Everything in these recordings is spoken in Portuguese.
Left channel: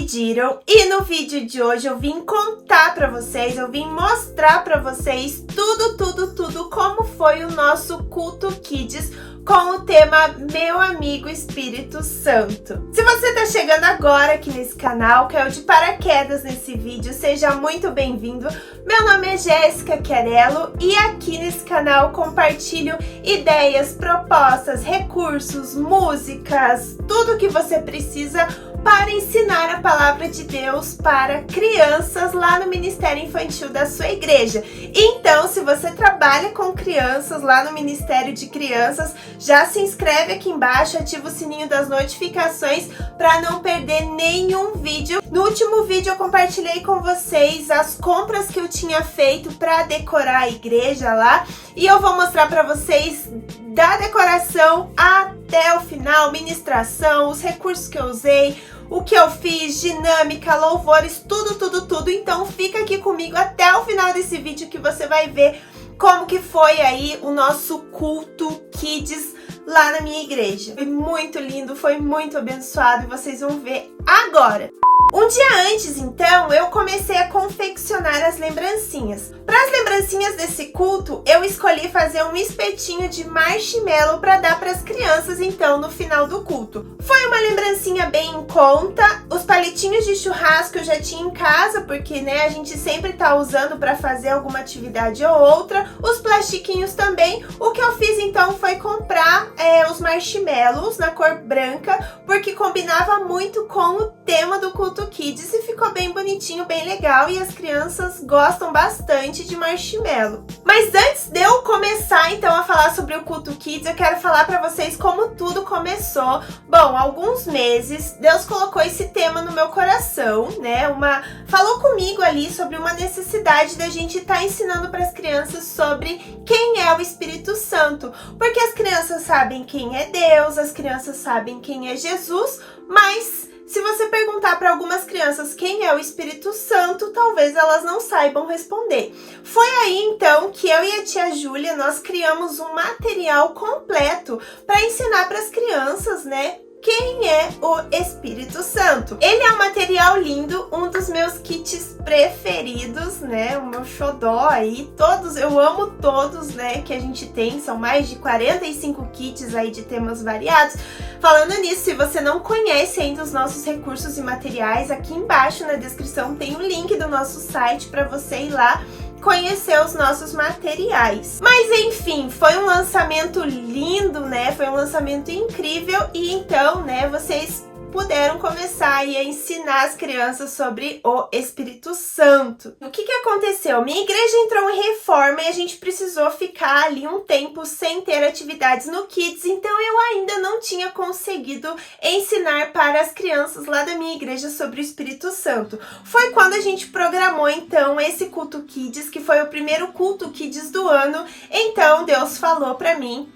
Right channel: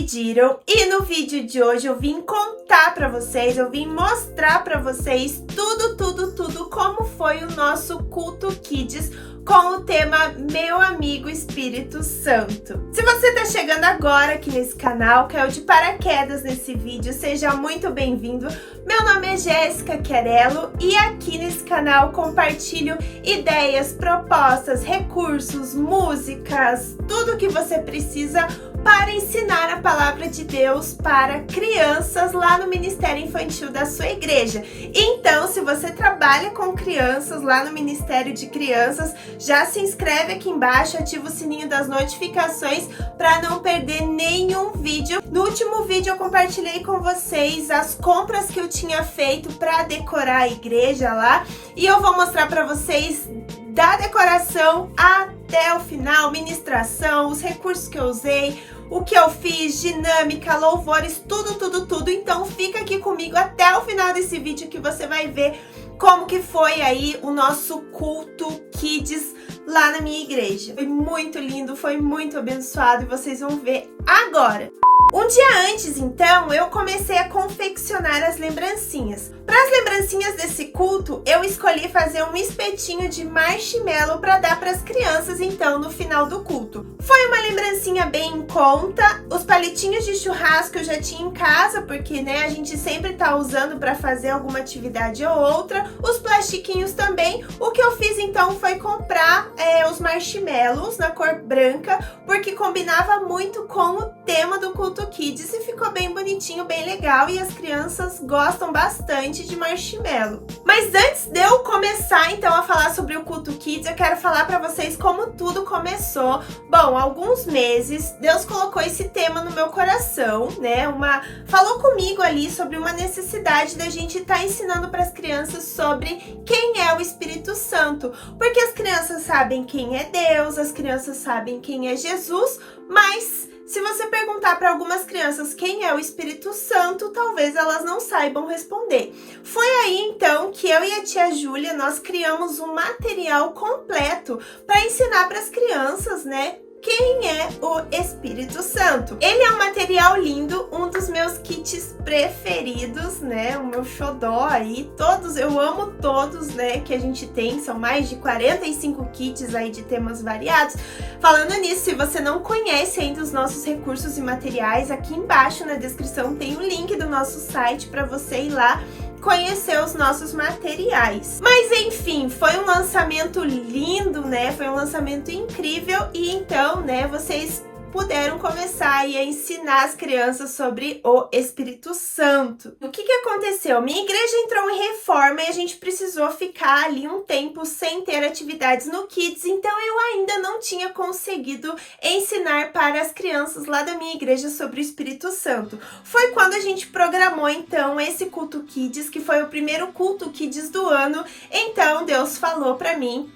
pediram e no vídeo de hoje eu vim contar pra vocês, eu vim mostrar pra vocês tudo como foi o nosso culto Kids com o tema Meu Amigo Espírito Santo. Se você tá chegando agora aqui nesse canal, caiu de paraquedas nesse vídeo, seja muito bem-vindo. Meu nome é Jéssica Chiarello e aqui nesse canal compartilho ideias, propostas, recursos, músicas, tudo que você precisa para ensinar a palavra de Deus para crianças lá no Ministério Infantil da sua igreja. Então, se você trabalha com crianças lá no Ministério de Crianças, já se inscreve aqui embaixo, ativa o sininho das notificações para não perder nenhum vídeo. No último vídeo eu compartilhei com vocês as compras que eu tinha feito para decorar a igreja lá e eu vou mostrar para vocês da decoração até o final, ministração, os recursos que eu usei, o que eu fiz, dinâmica, louvores, tudo. Então fica aqui comigo até o final desse vídeo que você vai ver como que foi aí o nosso culto Kids lá na minha igreja. Foi muito lindo, foi muito abençoado e vocês vão ver agora. Um dia antes, então, eu comecei a confeccionar as lembrancinhas. Para as lembrancinhas desse culto, eu escolhi fazer um espetinho de marshmallow para dar para as crianças, então, no final do culto. Foi uma lembrancinha bem em conta. Os palitinhos de churrasco eu já tinha em casa, porque, né, a gente sempre tá usando para fazer alguma atividade ou outra. Os plastiquinhos também. O que eu fiz, então, foi comprar os marshmallows na cor branca, porque combinava muito com o tema do culto Kids e ficou bem bonitinho, bem legal e as crianças gostam bastante de marshmallow. Mas antes de eu começar então a falar sobre o culto Kids, eu quero falar para vocês como tudo começou. Bom, há alguns meses Deus colocou esse tema no meu coração, né? Falou comigo ali sobre uma necessidade da gente estar ensinando para as crianças sobre quem é o Espírito Santo, porque as crianças sabem quem é Deus, as crianças sabem quem é Jesus, mas se você perguntar para algumas crianças quem é o Espírito Santo, talvez elas não saibam responder. Foi aí então que eu e a tia Júlia, nós criamos um material completo para ensinar para as crianças, né? Quem é o Espírito Santo? Ele é um material lindo, um dos meus kits preferidos, né? O meu xodó aí, todos, eu amo todos, né? Que a gente tem, são mais de 45 kits aí de temas variados. Falando nisso, se você não conhece ainda os nossos recursos e materiais, aqui embaixo na descrição tem o link do nosso site para você ir lá conhecer os nossos materiais. Mas enfim, foi um lançamento lindo, né? Foi um lançamento incrível e então, né, vocês puderam começar aí a ensinar as crianças sobre o Espírito Santo. O que aconteceu? Minha igreja entrou em reforma e a gente precisou ficar ali um tempo sem ter atividades no Kids, então eu ainda não tinha conseguido ensinar para as crianças lá da minha igreja sobre o Espírito Santo. Foi quando a gente programou então esse culto Kids, que foi o primeiro culto Kids do ano. Então Deus falou para mim:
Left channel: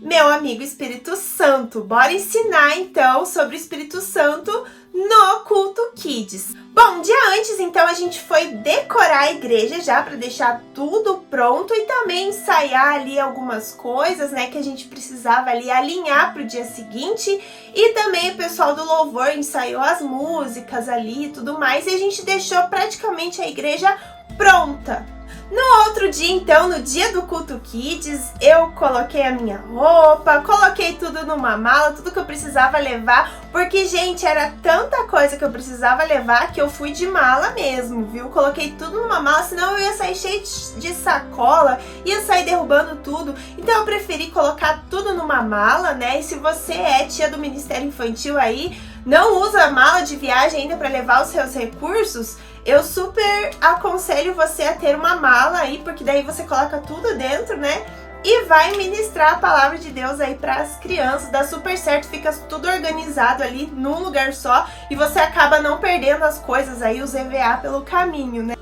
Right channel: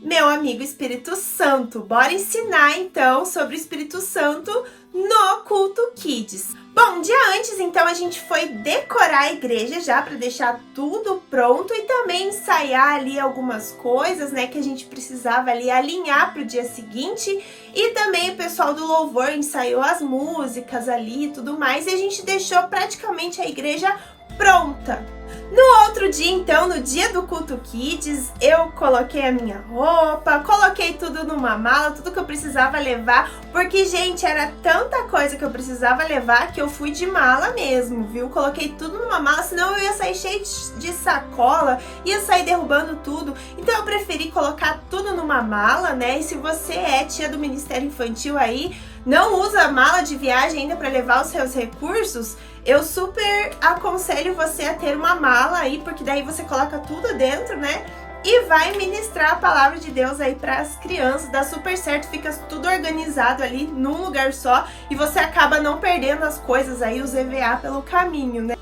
meu amigo Espírito Santo, bora ensinar então sobre o Espírito Santo no culto Kids. Bom, um dia antes então a gente foi decorar a igreja já para deixar tudo pronto e também ensaiar ali algumas coisas, né, que a gente precisava ali alinhar para o dia seguinte, e também o pessoal do louvor ensaiou as músicas ali e tudo mais, e a gente deixou praticamente a igreja pronta. No outro dia, então, no dia do culto Kids, eu coloquei a minha roupa, coloquei tudo numa mala, tudo que eu precisava levar, porque, gente, era tanta coisa que eu precisava levar que eu fui de mala mesmo, viu? Coloquei tudo numa mala, senão eu ia sair cheio de sacola, ia sair derrubando tudo. Então eu preferi colocar tudo numa mala, né? E se você é tia do Ministério Infantil aí, não usa mala de viagem ainda para levar os seus recursos, eu super aconselho você a ter uma mala aí, porque daí você coloca tudo dentro, né? E vai ministrar a palavra de Deus aí para as crianças, dá super certo, fica tudo organizado ali num lugar só e você acaba não perdendo as coisas aí, os EVA pelo caminho, né?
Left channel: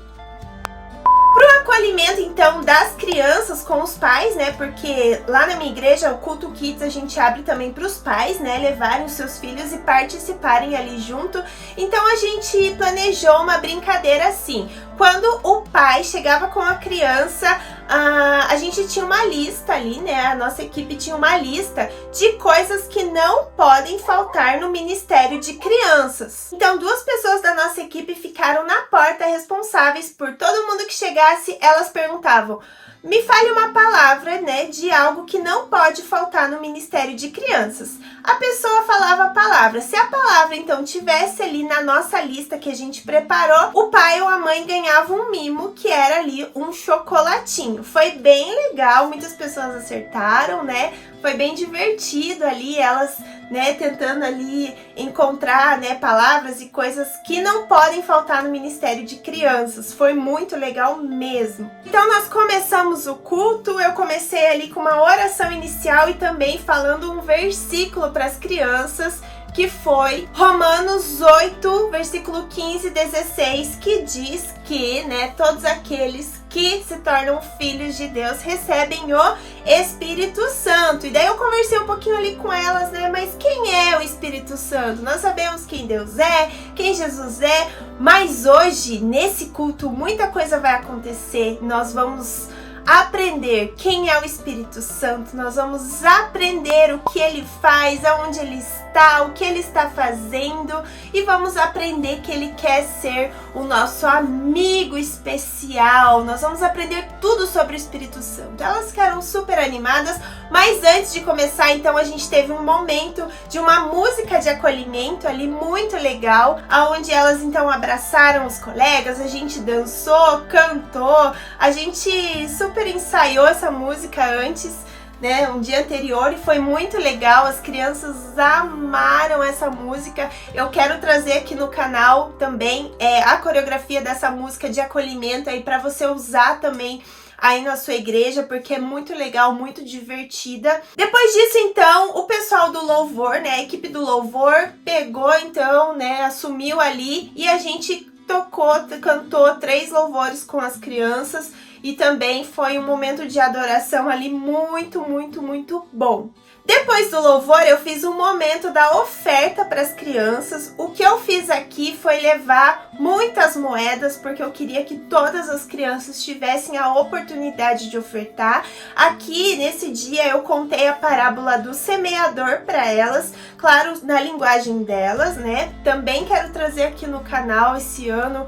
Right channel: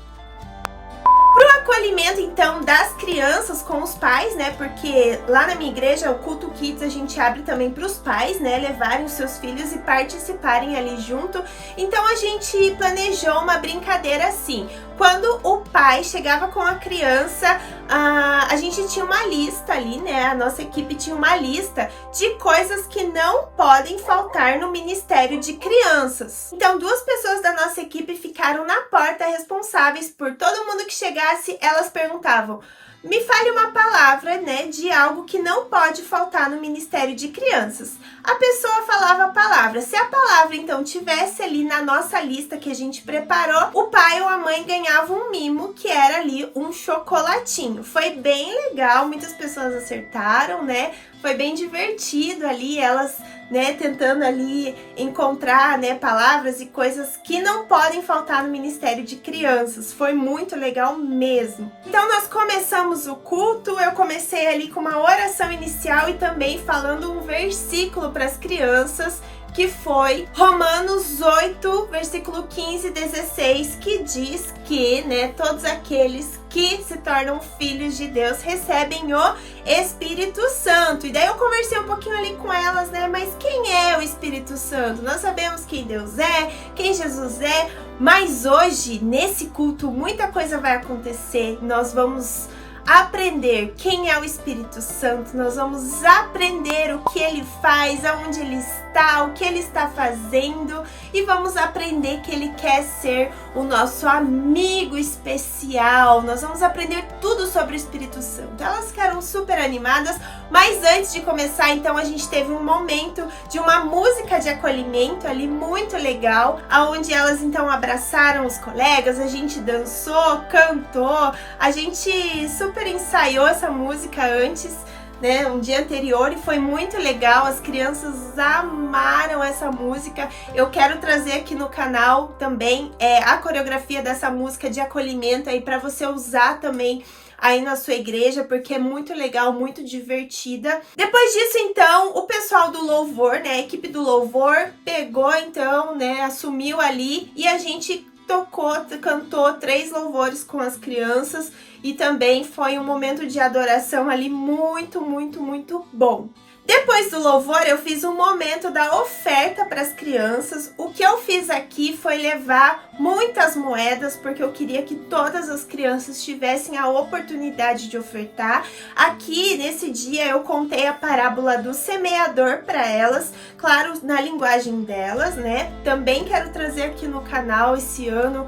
Acolhimento então das crianças com os pais, né? Porque lá na minha igreja, o culto Kids, a gente abre também para os pais, né? Levarem os seus filhos e participarem ali junto. Então a gente planejou uma brincadeira assim. Quando o pai chegava com a criança, a gente tinha uma lista ali, né? A nossa equipe tinha uma lista de coisas que não podem faltar no Ministério de Crianças. Então, 2 pessoas da nossa equipe ficaram na porta responsáveis por todo mundo que chegasse. Elas perguntavam: me fale uma palavra, né, de algo que não pode faltar no Ministério de Crianças. A pessoa falava a palavra. Se a palavra, então, tivesse ali na nossa lista que a gente preparou, o pai ou a mãe ganhava um mimo, que era ali um chocolatinho. Foi bem legal, muitas pessoas acertaram, né? Foi bem divertido ali, elas, né, tentando ali encontrar, né, palavras e coisas que não podem faltar no Ministério de Crianças. Foi muito legal mesmo. Então nós começamos o culto, eu comecei ali com uma oração inicial e também falando um versículo para as crianças, que foi Romanos 8, versículo 15 e 16, que diz que, né, todos aqueles que se tornam filhos de Deus recebem o Espírito Santo. E daí eu conversei um pouquinho ali com elas, né, mas quem é o Espírito Santo? Nós sabemos quem Deus é, quem Jesus é, mas hoje, nesse culto, muita coisa vai acontecer. Nós vamos aprender quem é o Espírito Santo, nós vamos aprender o que ele faz, aonde ele está, o que ele está fazendo, e vamos aprender que ele quer ser o nosso amigo especial. Nós vamos aprender tudo sobre o Espírito Santo. Elas ficaram super animadas, mas antes de começar, então, a gente teve um momento de uma música de acolhimento ali muito legal, aonde elas então abraçaram os colegas, a gente dançou, cantou, a gente super ensaiou essa música antes, né, um dia anterior, e foi muito legal. As crianças amaram essa música. Eu quero trazer aqui no canal também a coreografia dessa música de acolhimento aí para você usar também aí na sua igreja, porque é muito legal, muito divertida. Depois disso, então, o pessoal do louvor, né, a equipe do louvor pegou, então, né, assumiu ali, e a gente cantou 3 louvores com as crianças, e também foi um momento de adoração ali muito, muito, muito bom. Depois do louvor, eu fiz um momento da oferta para as crianças. O que eu fiz aqui foi levar muitas moedas, porque eu queria que todas as crianças tivessem a oportunidade de ofertar. Aqui, nesse dia, eu contei a parábola do semeador para elas, claro, na linguagem delas, né? Também quero trazer aqui no canal esse ano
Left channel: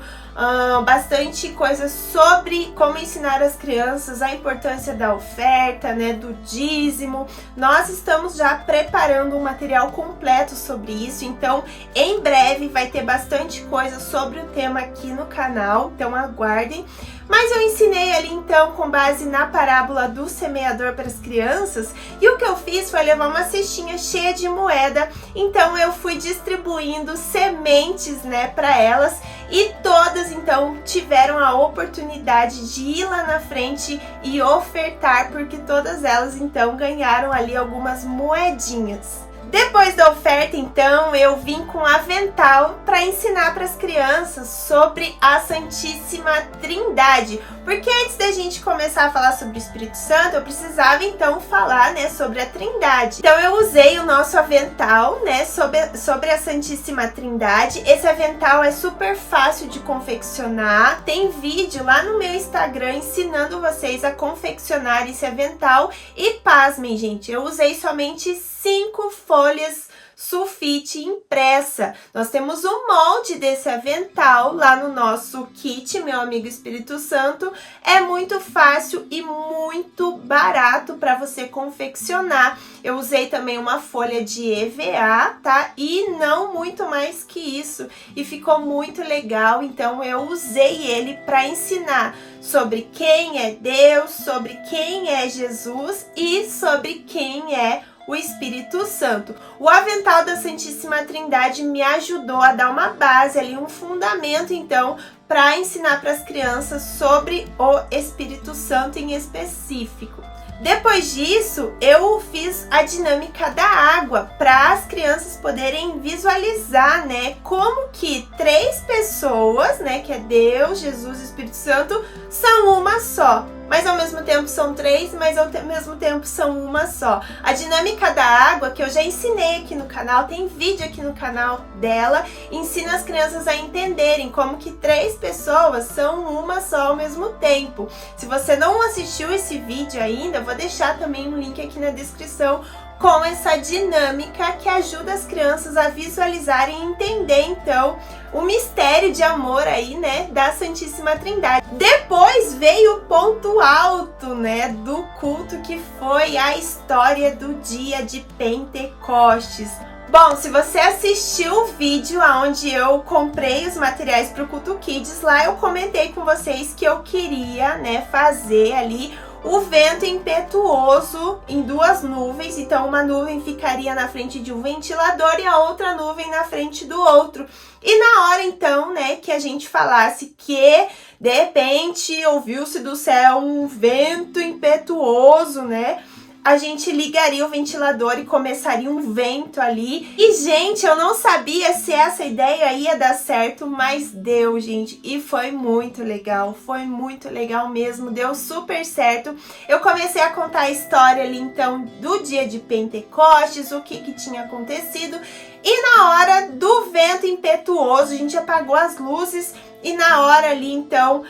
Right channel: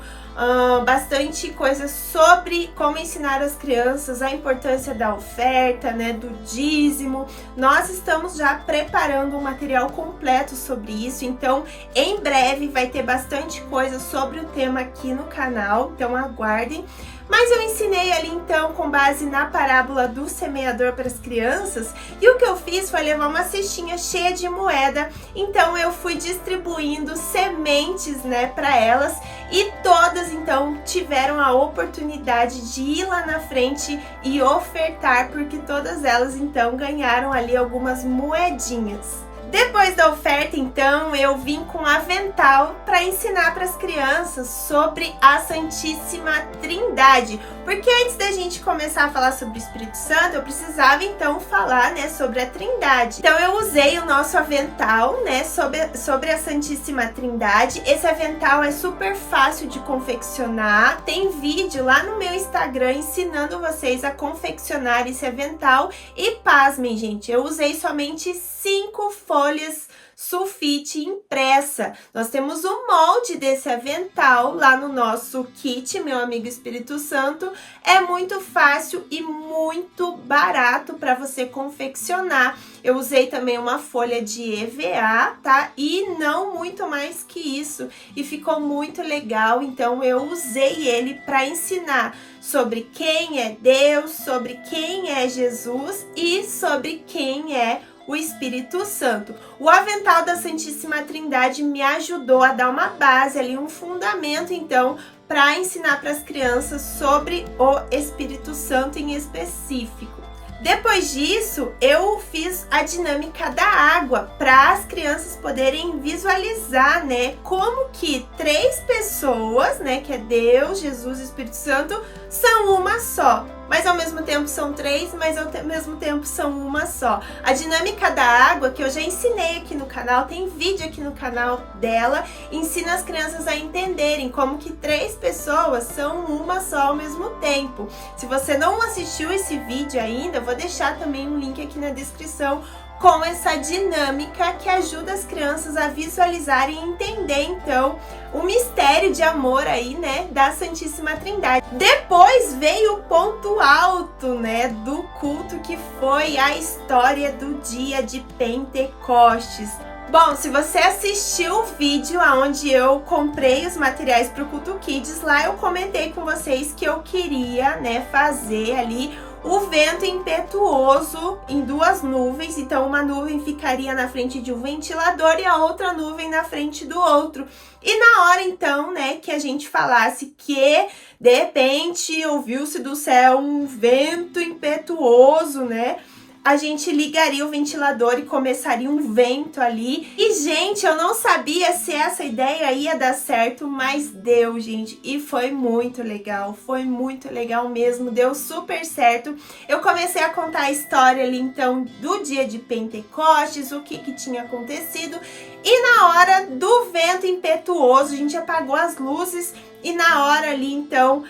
bastante coisa sobre como ensinar as crianças a importância da oferta, né, do dízimo. Nós estamos já preparando um material completo sobre isso, então em breve vai ter bastante coisa sobre o tema aqui no canal, então aguardem. Mas eu ensinei ali então com base na parábola do semeador para as crianças, e o que eu fiz foi levar uma cestinha cheia de moeda. Então eu fui distribuindo sementes, né, para elas, e todas então tiveram a oportunidade de ir lá na frente e ofertar, porque todas elas então ganharam ali algumas moedinhas. Depois da oferta, então, eu vim com avental para ensinar para as crianças sobre a Santíssima Trindade. Porque antes da gente começar a falar sobre o Espírito Santo, eu precisava, então, falar, né, sobre a Trindade. Então, eu usei o nosso avental, né, sobre a Santíssima Trindade. Esse avental é super fácil de confeccionar. Tem vídeo lá no meu Instagram ensinando vocês a confeccionar esse avental. E pasmem, gente, eu usei somente 5 folhas sulfite impressa. Nós temos um molde desse avental lá no nosso kit, Meu Amigo Espírito Santo. É muito fácil e muito barato para você confeccionar. Eu usei também uma folha de EVA, tá? E não muito mais que isso. E ficou muito legal, então eu usei ele para ensinar sobre quem é Deus, sobre quem é Jesus e sobre quem é o Espírito Santo. O avental da Santíssima Trindade me ajudou a dar uma base ali, um fundamento, então, para ensinar para as crianças sobre o Espírito Santo em específico. Depois disso, eu fiz a dinâmica da água para as crianças poderem visualizar, né, como que 3 pessoas, né, que é Deus, Jesus e Espírito Santo, são uma só. mas ao mesmo tempo são 3, mas ao mesmo tempo são uma só. A dinâmica da água, que eu já ensinei aqui no canal, tem vídeo aqui no canal dela, ensina as crianças a entenderem como que 3 pessoas são uma só ao mesmo tempo. Se você não assistiu esse vídeo ainda, eu vou deixar também um link aqui na descrição com essa dinâmica que ajuda as crianças a visualizarem e entender, então, o mistério de amor aí, né, da Santíssima Trindade. Depois veio o ponto alto, né, do culto, que foi a história do dia de Pentecostes. Bom, se você assistiu o vídeo onde eu comprei os materiais para o Culto Kids, lá eu comentei com vocês que eu queria, né, fazer ali o vento impetuoso em 2 nuvens. Então uma nuvem ficaria na frente de um ventilador e a outra nuvem na frente do outro. E na hora então, né, que a gente falasse que de repente ouviu-se do céu um vento impetuoso, né, a gente ligaria o ventilador e começaria um vento ali. E, gente, eu não sabia se essa ideia ia dar certo, mas deu, gente. E foi muito legal mesmo, deu super certo. Eu comecei a contar a história ali, então, do dia de Pentecostes, o que tinha acontecido. E na hora do vento impetuoso, a gente apagou as luzes. E na hora ali, então,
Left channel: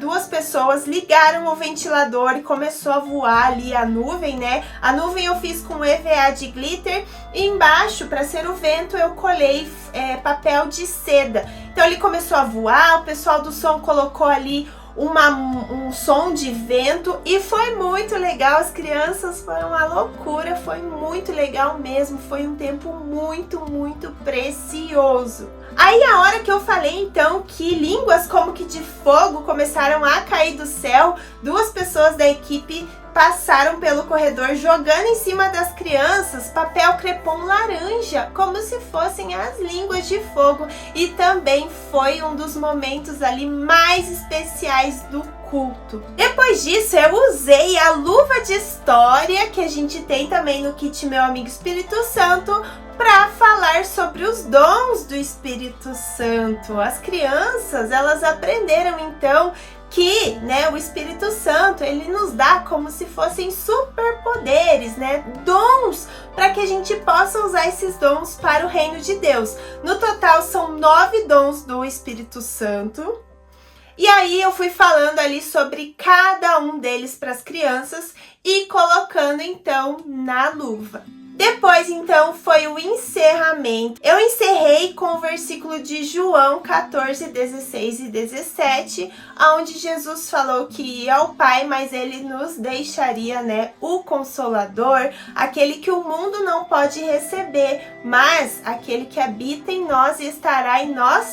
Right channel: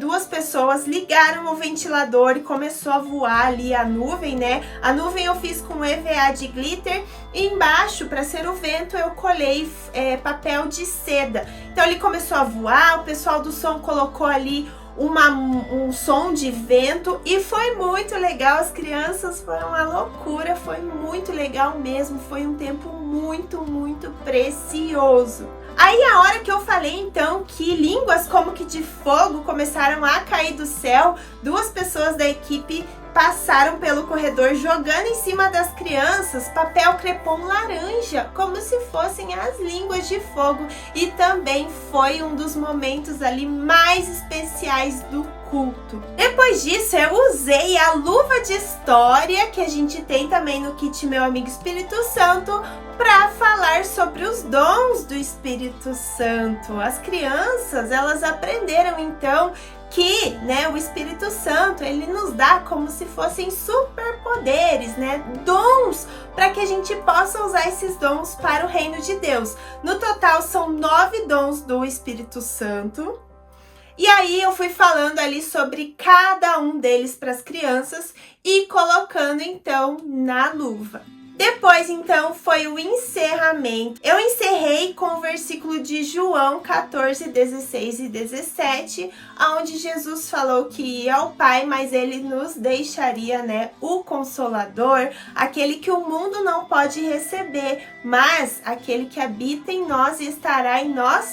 2 pessoas ligaram o ventilador e começou a voar ali a nuvem, né? A nuvem eu fiz com EVA de glitter e embaixo, para ser o vento, eu colei papel de seda. Então ele começou a voar, o pessoal do som colocou ali um som de vento e foi muito legal. As crianças, foi uma loucura, foi muito legal mesmo, foi um tempo muito, muito precioso. Aí a hora que eu falei então que línguas como que de fogo começaram a cair do céu, 2 pessoas da equipe passaram pelo corredor jogando em cima das crianças papel crepom laranja, como se fossem as línguas de fogo, e também foi um dos momentos ali mais especiais do culto. Depois disso, eu usei a luva de história que a gente tem também no kit Meu Amigo Espírito Santo para falar sobre os dons do Espírito Santo. As crianças, elas aprenderam então que, né, o Espírito Santo, ele nos dá como se fossem superpoderes, né, dons, para que a gente possa usar esses dons para o reino de Deus. No total são 9 dons do Espírito Santo. E aí eu fui falando ali sobre cada um deles para as crianças e colocando então na luva. Depois, então, foi o encerramento. Eu encerrei com o versículo de João 14, 16 e 17, onde Jesus falou que ia ao Pai, mas ele nos deixaria, né, o Consolador, aquele que o mundo não pode receber, mas aquele que habita em nós e estará em nós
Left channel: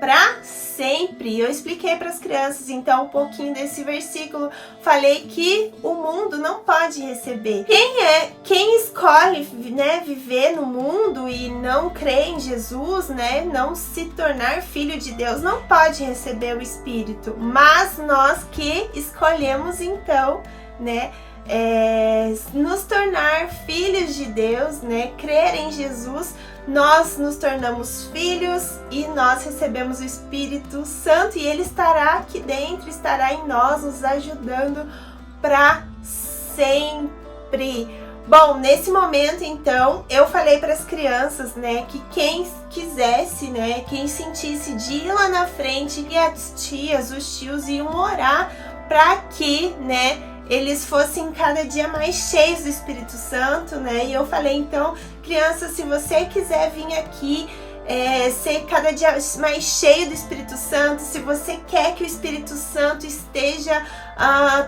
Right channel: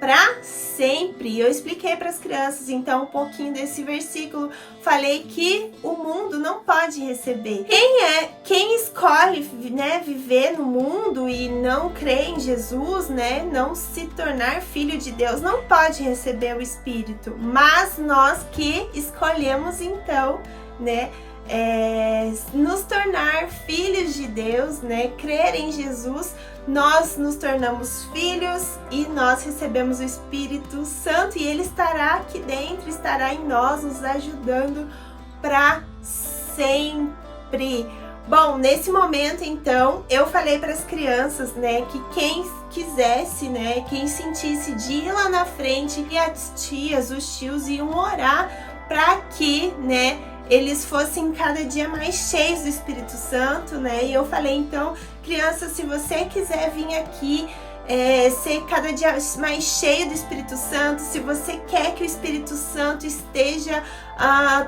para sempre. Eu expliquei para as crianças então um pouquinho desse versículo, falei que o mundo não pode receber. Quem escolhe, né, viver no mundo e não crer em Jesus, né, não se tornar filho de Deus, não pode receber o Espírito, mas nós que escolhemos então, né, nos tornar filhos de Deus, né, crer em Jesus, nós nos tornamos filhos e nós recebemos o Espírito Santo e ele estará aqui dentro, estará em nós, nos ajudando para sempre. Bom, nesse momento então, eu falei para as crianças, né, que quem quisesse, né, quem sentisse de ir lá na frente, e as tias, os tios iam orar para que, né, eles fossem cada dia mais cheios do Espírito Santo, né? E eu falei, então, criança, se você quiser vir aqui ser cada dia mais cheio do Espírito Santo, se você quer que o Espírito Santo esteja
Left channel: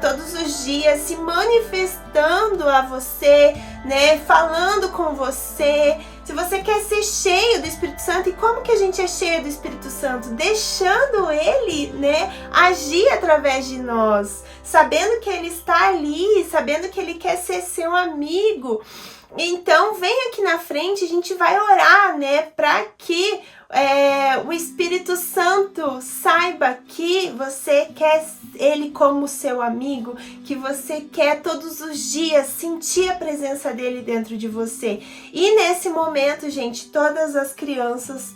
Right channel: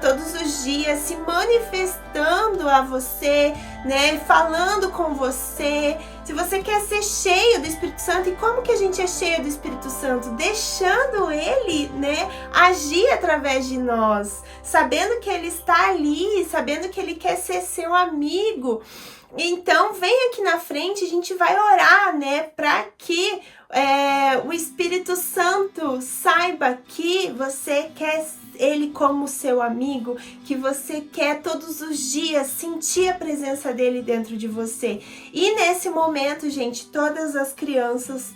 todos os dias se manifestando a você, né, falando com você, se você quer ser cheio do Espírito Santo, e como que a gente é cheio do Espírito Santo? Deixando ele, né, agir através de nós, sabendo que ele está ali, sabendo que ele quer ser seu amigo. Então, vem aqui na frente, a gente vai orar, né, para que o Espírito Santo saiba que você quer ele como seu amigo, que você quer todos os dias sentir a presença dele dentro de você. E nesse momento, gente, todas as crianças,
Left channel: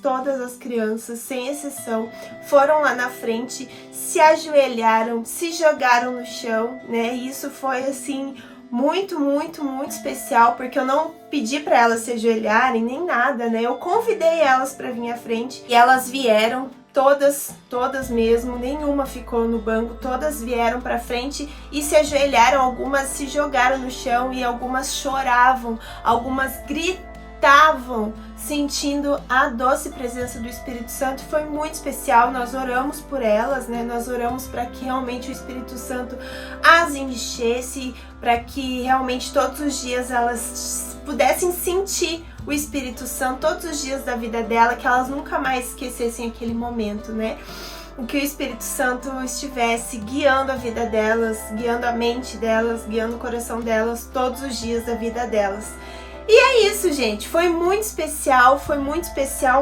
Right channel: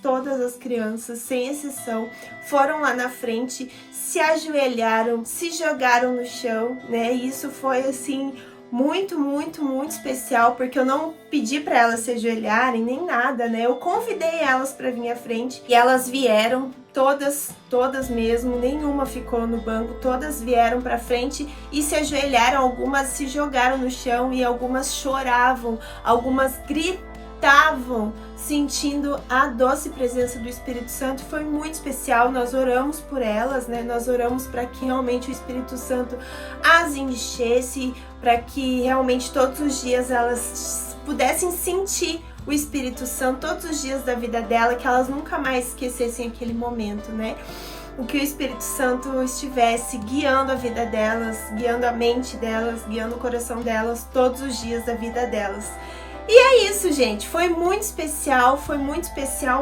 sem exceção, foram lá na frente, se ajoelharam, se jogaram no chão, né? E isso foi assim muito, muito, muito especial, porque eu não pedi para elas se ajoelharem nem nada, né? Eu convidei elas para vir à frente e elas vieram, todas mesmo, nenhuma ficou no banco, todas vieram para frente e se ajoelharam, algumas se jogaram no chão e algumas choravam, algumas gritavam, sentindo a doce presença do Espírito Santo. Foi muito especial, nós oramos por elas, né? Nós oramos para que realmente o Espírito Santo as enchesse, para que realmente todos os dias elas pudessem sentir o Espírito Santo todos os dias da vida dela, que elas nunca mais esquecessem aquele momento, né? Que o Espírito Santo estivesse guiando a vida delas, guiando a mente delas, guiando o coração delas todos os dias da vida delas. E é isso, gente, foi muito especial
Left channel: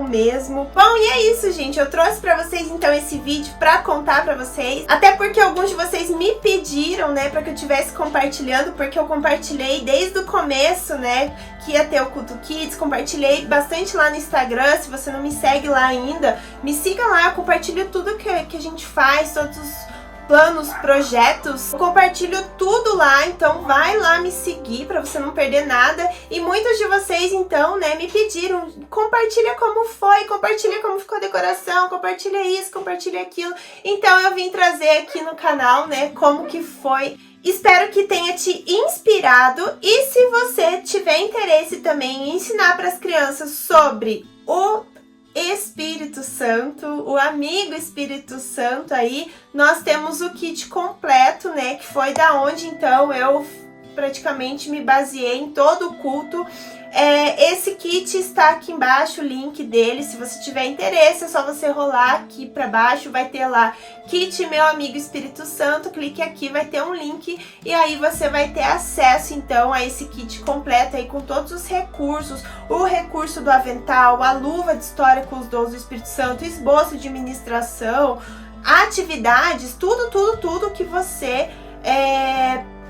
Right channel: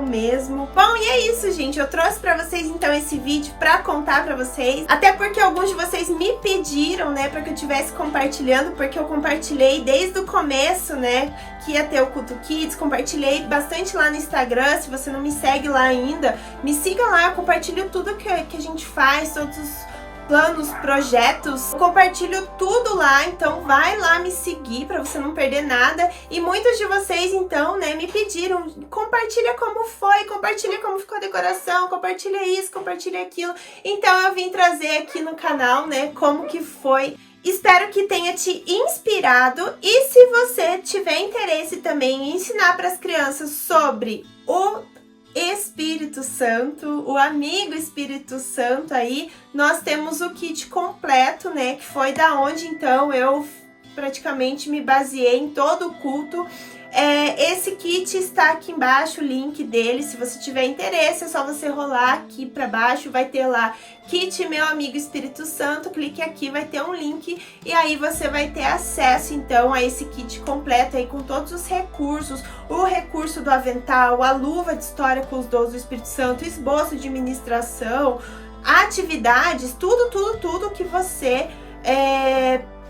mesmo. Bom, e é isso, gente, eu trouxe pra vocês então esse vídeo pra contar pra vocês, até porque alguns de vocês me pediram, né, pra que eu estivesse compartilhando, porque eu compartilhei desde o começo, né, que ia ter o Culto Kids, compartilhei bastante lá no Instagram. Se você não me segue lá ainda, me siga lá, eu compartilho tudo que a gente faz, todos os planos, projetos, eu compartilho tudo lá, então vai lá me seguir para você não perder nada. E muitos de vocês então, né, me pediram, compartilha como foi, compartilha como ficou a decoração, compartilha isso, compartilha aquilo. Então eu vim trazer aqui no canal, né, como que foi. Espero que tenha te inspirado, e se você tiver interesse também em ensinar para as crianças sobre o Espírito Santo, o amigo Espírito Santo aí, nós temos o kit completo, né, que foi da onde então eu praticamente me baseei em todo o culto. Esse kit está aqui embaixo, o link dele, se você tiver interesse é só você rolar aqui para baixo, vai ter lá kit Meu Amigo Espírito Santo, clique aqui, vai ter um link e aí você vai ter acesso então a esse kit completo aí com todos os recursos, o recurso do avental, a luva de história com os dons do Espírito Santo, esboço de ministração, atividades, tudo que você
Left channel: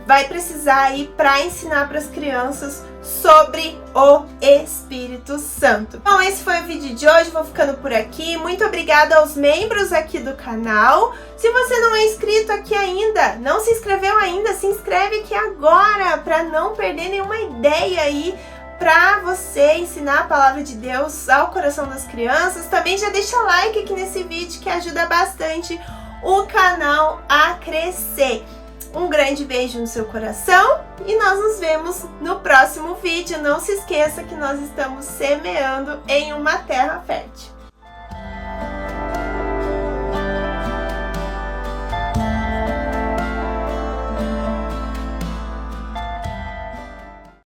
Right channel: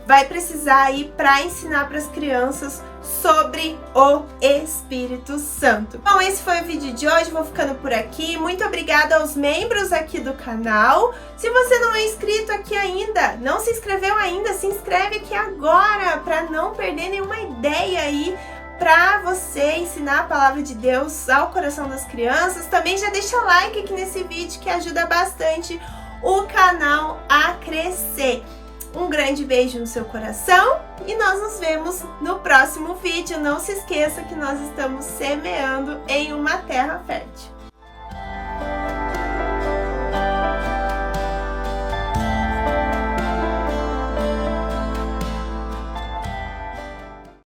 vai precisar aí para ensinar para as crianças sobre o Espírito Santo. Bom, esse foi o vídeo de hoje, vou ficando por aqui. Muito obrigada aos membros aqui do canal. Se você não é inscrito aqui ainda, não se inscreveu ainda, se inscreve aqui agora para não perder nenhuma ideia aí para você ensinar a palavra de Deus ao coração das crianças. Também já deixa like aqui nesse vídeo que ajuda bastante o canal a crescer. Um grande beijo no seu coração e nós nos vemos no próximo vídeo. Não se esqueça que nós estamos semeando em uma terra fértil.